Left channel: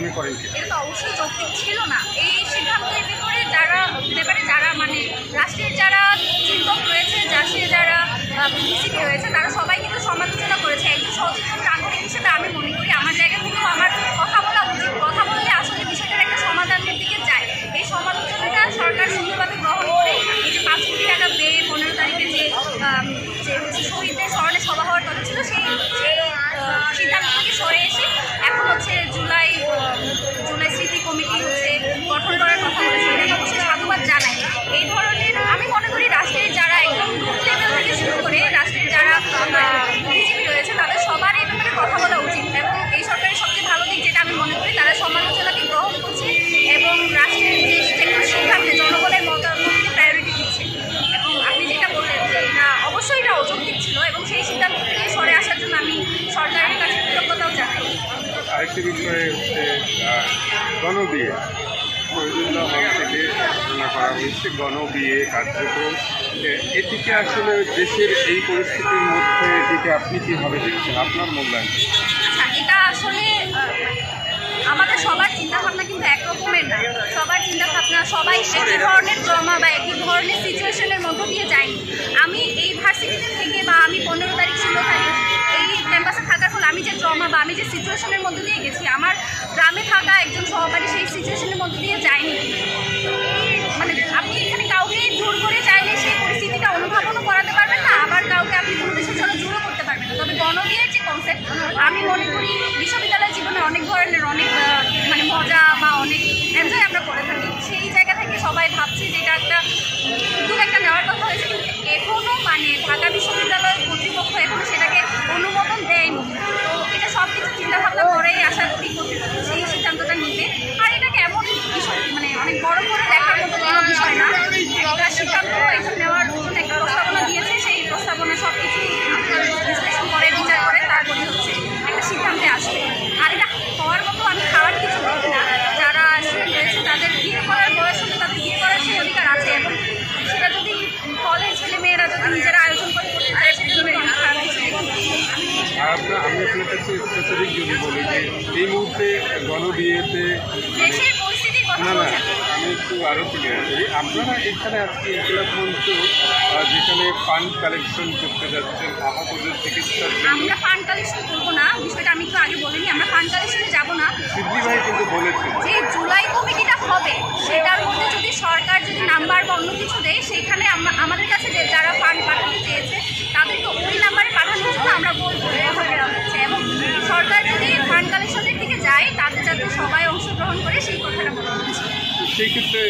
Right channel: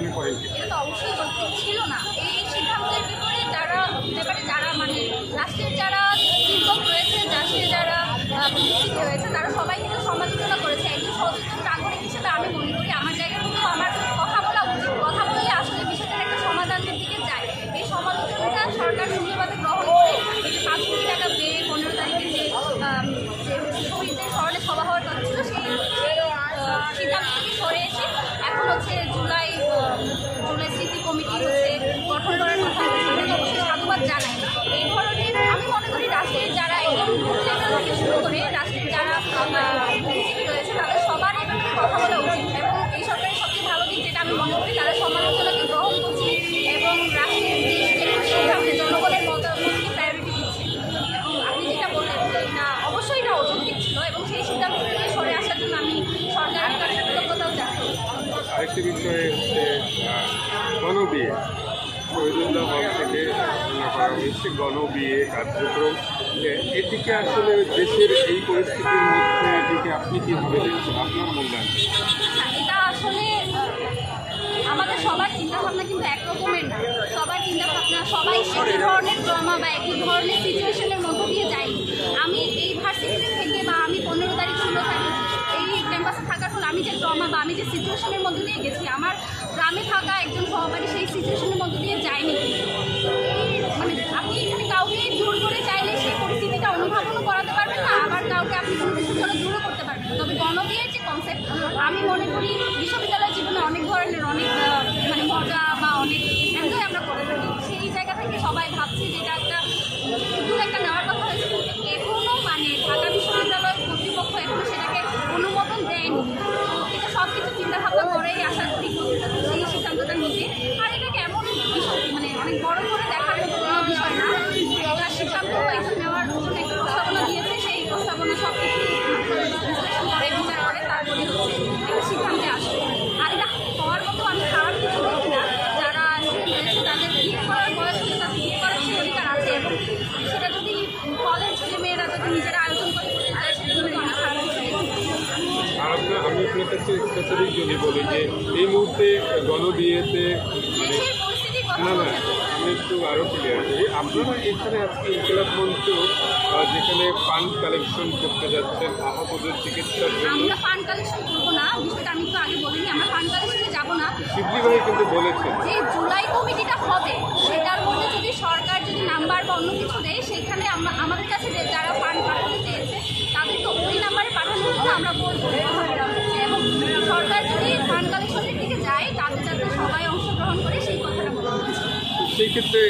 মনে করেন? এটা তো অবশ্যই যৌক্তিক ছিল না। এই সিদ্ধান্তের ব্যাপারে যারা মানে রাষ্ট্রের যারা চিন্তক রয়েছে, যারা বুদ্ধিজীবী রয়েছে, তারা সবাই কিন্তু সমালোচনা করেছে। একজন সচেতন নাগরিক হিসেবে আমি মনে করি আমার জায়গা থেকেও আমার কথা বলা উচিত। কথা বললে আসলে বিষয়টার একটা সমাধানের দিকে যায়। এই সমালোচনাটা সরকার সুন্দরভাবে গ্রহণ করে এই যে 5 কোটি টাকা বেড়ে 15 তারিখে যে শহীদদের স্মরণে সভা হওয়ার কথা ছিল, সেই সিদ্ধান্ত থেকে সরে এসে এখন হচ্ছে জুলাই স্মৃতি কমিটি গঠন করার কথা বলেছে। এটাকে অবশ্যই সাধুবাদ জানাই। এই ধরনের আমি মনে করি রাষ্ট্রের যারা একদম গ্রুপ লেভেল থেকে শুরু করে রাষ্ট্রের যারা বুদ্ধিজীবী রয়েছে তাদের সবার এই ব্যাপারে কথা বলা উচিত। এবং এই সরকারের সবচেয়ে ভালো দিক যেটা আমি মনে করি, তারা সমালোচনাকে গ্রহণ করছে এবং রাষ্ট্রের যে কোনো সিদ্ধান্তে জনগণের মতামতকে প্রায়োরিটি দিচ্ছে। এবং আপনি যেটা বললেন যে এটা অবশ্যই এটা অযৌক্তিক ছিল এবং সেই সিদ্ধান্ত থেকে সরে আসার জন্য আমি সরকারের কাছে কৃতজ্ঞতাও জানাই। আরেকটি বিষয় হচ্ছে গণবিয়ে, থেকে গণবিয়ে কার্যক্রম, এটিকে আসলে দেশের এই পরিস্থিতির মধ্যে এটিকে আপনি কীভাবে দেখছেন, আপনার মূল্যায়ন? আচ্ছা, এটা আসলে আমাদের সবার চিন্তাভাবনা কিন্তু একরকমের না। সবার চিন্তাভাবনা সবাই একই ধরনের ট্রমা বা একই ধরনের সিচুয়েশনের মধ্য দিয়ে যায়নি। আমি এই ভার্সিটিতে থেকে বা আমি 15 তারিখ 16 তারিখ এই ক্যাম্পাসে থাকার ফলে আমি যে ট্রমা বা আমি যে সিচুয়েশনের মধ্য দিয়ে গেছি, আমার গ্রামে থাকা একজন সহপাঠী সেই সিচুয়েশনের মধ্য দিয়ে যায়নি। মানে আপনি এখানে কাউকে জোর করে চাইলে সেই পরিস্থিতিটা অনুধাবনও করাতে পারবেন না, আবার কাউকে আপনি কোনো কিছুর জন্য জোরও করতে পারবেন না। তবে গণবিয়ের যে কনসেপ্ট, আমি মনে করি বিশ্ববিদ্যালয় জীবনে অনেক ধরনের অনেক মানে মজা বা অনেক এনজয় আমরা করে থাকি। সেই জায়গা থেকে সবাই ভাবছি যে এটা একটা উদ্যোগ একটা নেওয়ার কথা হয়েছে, কিন্তু এখনও মানে ঢাকা বিশ্ববিদ্যালয় কর্তৃপক্ষ এখনও সেটাকে অনুমোদন দেয়নি। তো এটা সব কিছু চিন্তাভাবনা করেই আশা করি কর্তৃপক্ষ সেই সিদ্ধান্তটা নিবে। আর এটাকে এমন বিষয় মানে অনেক বড় করে দেখার মতো কোনো বিষয় না। একটা সিদ্ধান্ত এটা নেওয়ার জন্য একটা প্রস্তাবনা দিয়েছে, সেই প্রস্তাবনা সব কিছু বিশ্লেষণ করে বিচার করে তারপরে হচ্ছে একটা সিদ্ধান্তে আসবে। আর এটা হওয়ার মতো আমি খাওয়ার কিছু দেখি না। যারা স্টুডেন্ট রয়েছে তাদের বিয়ে করার বয়স হলে তাদের বিয়ে করার সেই অধিকার আছে, এবং সেটা যদি কলেজ ছেলেমেয়েরা যদি নিজেরা আয়োজন করে করতে পারে সেটা জন্য আমি খারাপ কিছু দেখি। আমি আপনার কাছে স্পেসিফিক যদি বলি যে এই মুহূর্তে গণবিয়েতে দেশের পরিস্থিতির কথা বলছেন, আমি একটু আরও ক্লিয়ার করি। আপনারা এখানে আজকে ইনকিলাব মঞ্চ যেখানে ফান্ড কালেকশন করতে যাচ্ছেন আহতদের চিকিৎসার জন্য, আমরা ফান্ড কালেকশন করবো না, বিষয়টা আমি একটু আগে বলিনি। আমরা ফান্ড কালেকশনে যাবো না। সিদ্দি ভাই কিন্তু বলেছেন যে জুলাই কমিটিটা হবে সেটার মধ্যে যদি সরকার যদি নাম্বার বা অন্য কিছু দেয়, সেইখানে আমাদের কাছে যে যারা ফান্ড পাঠাতে চেয়েছে তাদেরকে ওই নাম্বারে পাঠানোর জন্য আমরা বলবো কথা বলা হচ্ছে। এবং সরকার যদি ফান্ড কালেকশনের দিকে যায় তাতে যাতে সবাই অংশগ্রহণ করে সেই কথাটা বলা হচ্ছে। সেই ক্ষেত্রে